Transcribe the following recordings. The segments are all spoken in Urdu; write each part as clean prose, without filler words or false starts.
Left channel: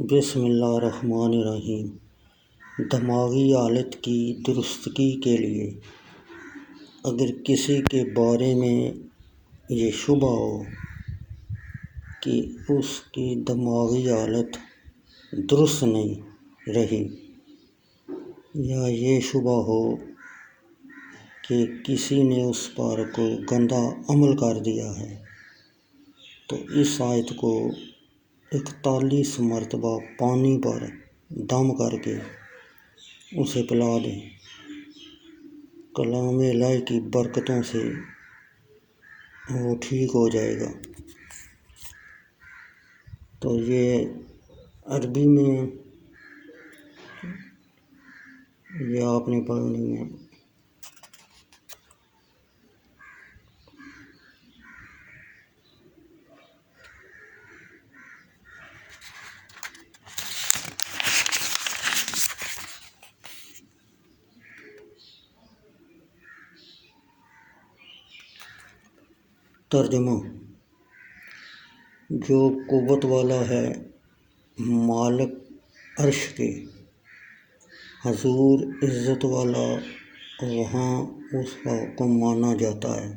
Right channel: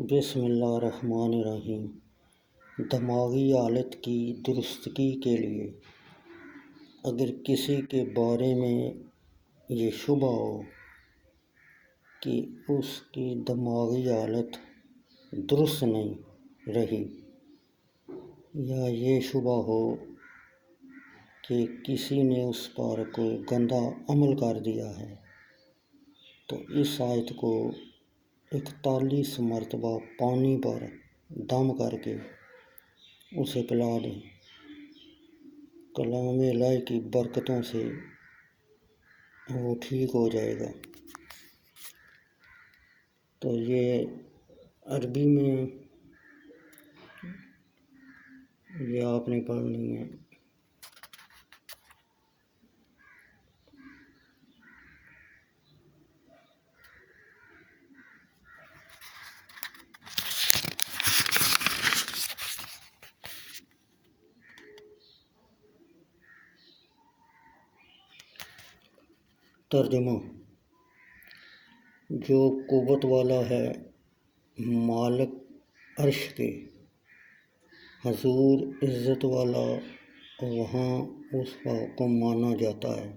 بسم اللہ الرحمن الرحیم۔ دماغی حالت کی درستگی کے لیے اگر کسی کے بارے میں یہ شبہ ہو کہ اس کی دماغی حالت درست نہیں رہی، یا یہ شبہ ہو کہ کسی نے اس پر کوئی گندا عمل کر دیا ہے، تو اس آیت کو 41 مرتبہ پانی پر دم کر کے اسے پلا دیں۔ کلام الہی کی برکتوں سے وہ ٹھیک ہو جائے گا۔ تو یہ عربی میں یہ آپ نے پڑھنی ہے۔ ترجمہ: جو قوت والا ہے مالک عرش کے، حضور عزت والا، وہاں اس کا حکم مانا جاتا ہے،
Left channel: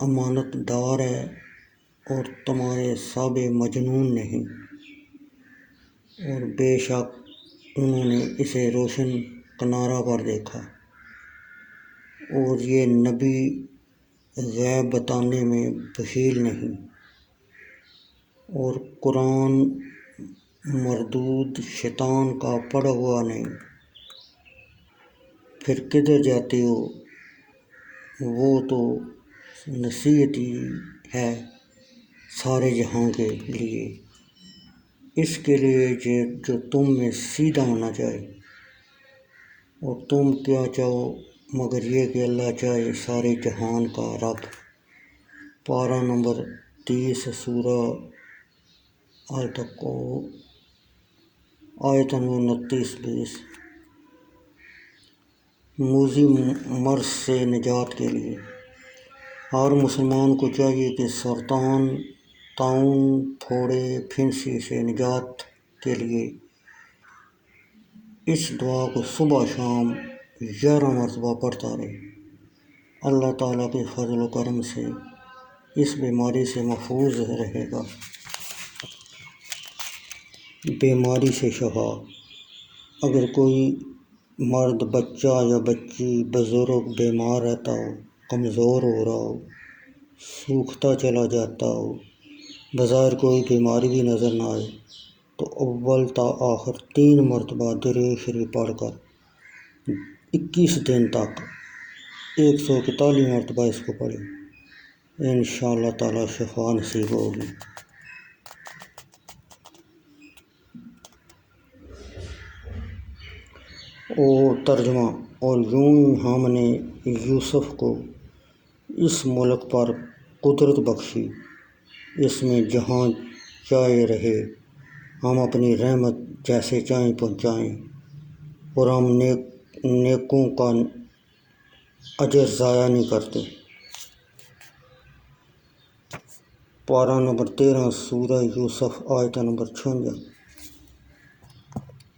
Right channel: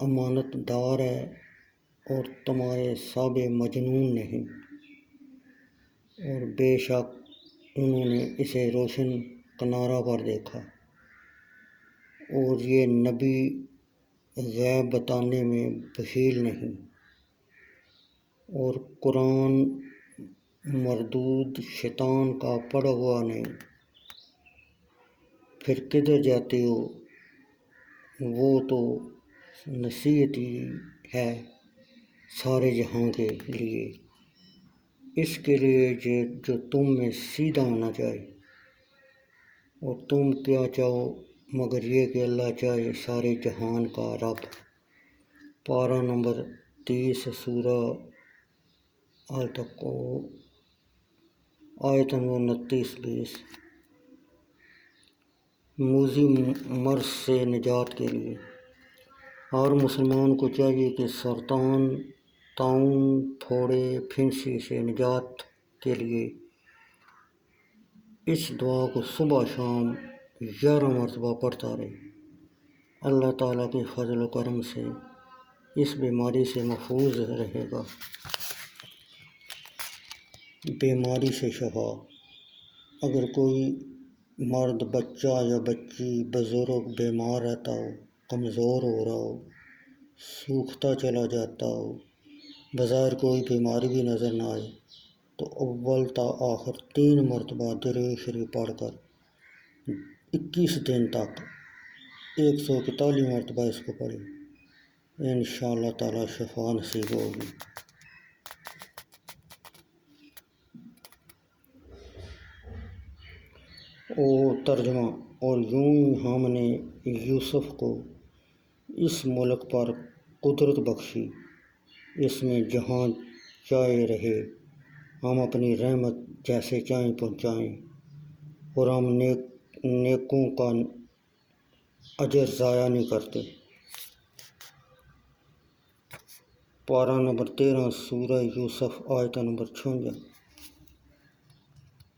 امانت دار ہے اور تمہارے صاحب مجنون نہیں، اور بے شک انہوں نے اسے روشن کنارہ پر دیکھا، اور یہ نبی غیب بتانے میں بخیل نہیں، اور قرآن مردود شیطان کا پڑھا ہوا نہیں۔ پھر کدھر جاتے ہو؟ وہ تو نصیحت ہی ہے سارے جہاں کے لیے، اس کے لیے جو تم میں سیدھا ہونا چاہے، اور تم کیا چاہو مگر یہ کہ اللہ چاہے سارے جہان کا رب۔ پارہ نمبر 30 سورہ آیت نمبر 29-30۔ موذی مرض سے نجات کے لیے ہر مسلمان کو چاہیے کہ سرطان، طاعون، پھوڑے، پھنسی سے نجات کے لیے اس دعا کو صبح شام 11 مرتبہ پڑھتا رہے۔ اللہ تعالیٰ کے فضل و کرم سے اس بیماری سے محفوظ رہے گا۔ بیماری سے شفا: اگر کوئی مرد، بچہ یا بچی، بزرگ بیمار رہتا ہو، کمزور ہو رہا ہو، سوکھتا چلا جاتا ہو، بظاہر کوئی بیماری بھی نظر نہ آئے، تو اول تا آخر 3 مرتبہ درود شریف پڑھ کر 21 دن تک 141 مرتبہ اس کو پڑھیں، انشاءاللہ تعالیٰ شفا نصیب ہوگی۔ ترجمہ: اور یوں ہی ہم نے یوسف کو اس ملک پر قدرت بخشی، اس میں جہاں چاہے رہے، ہم اپنی رحمت جیسے چاہیں پہنچائیں، اور ہم نیکوں کا اجر ضائع نہیں کرتے۔ پارہ نمبر 13 سورہ یوسف آیت نمبر 56۔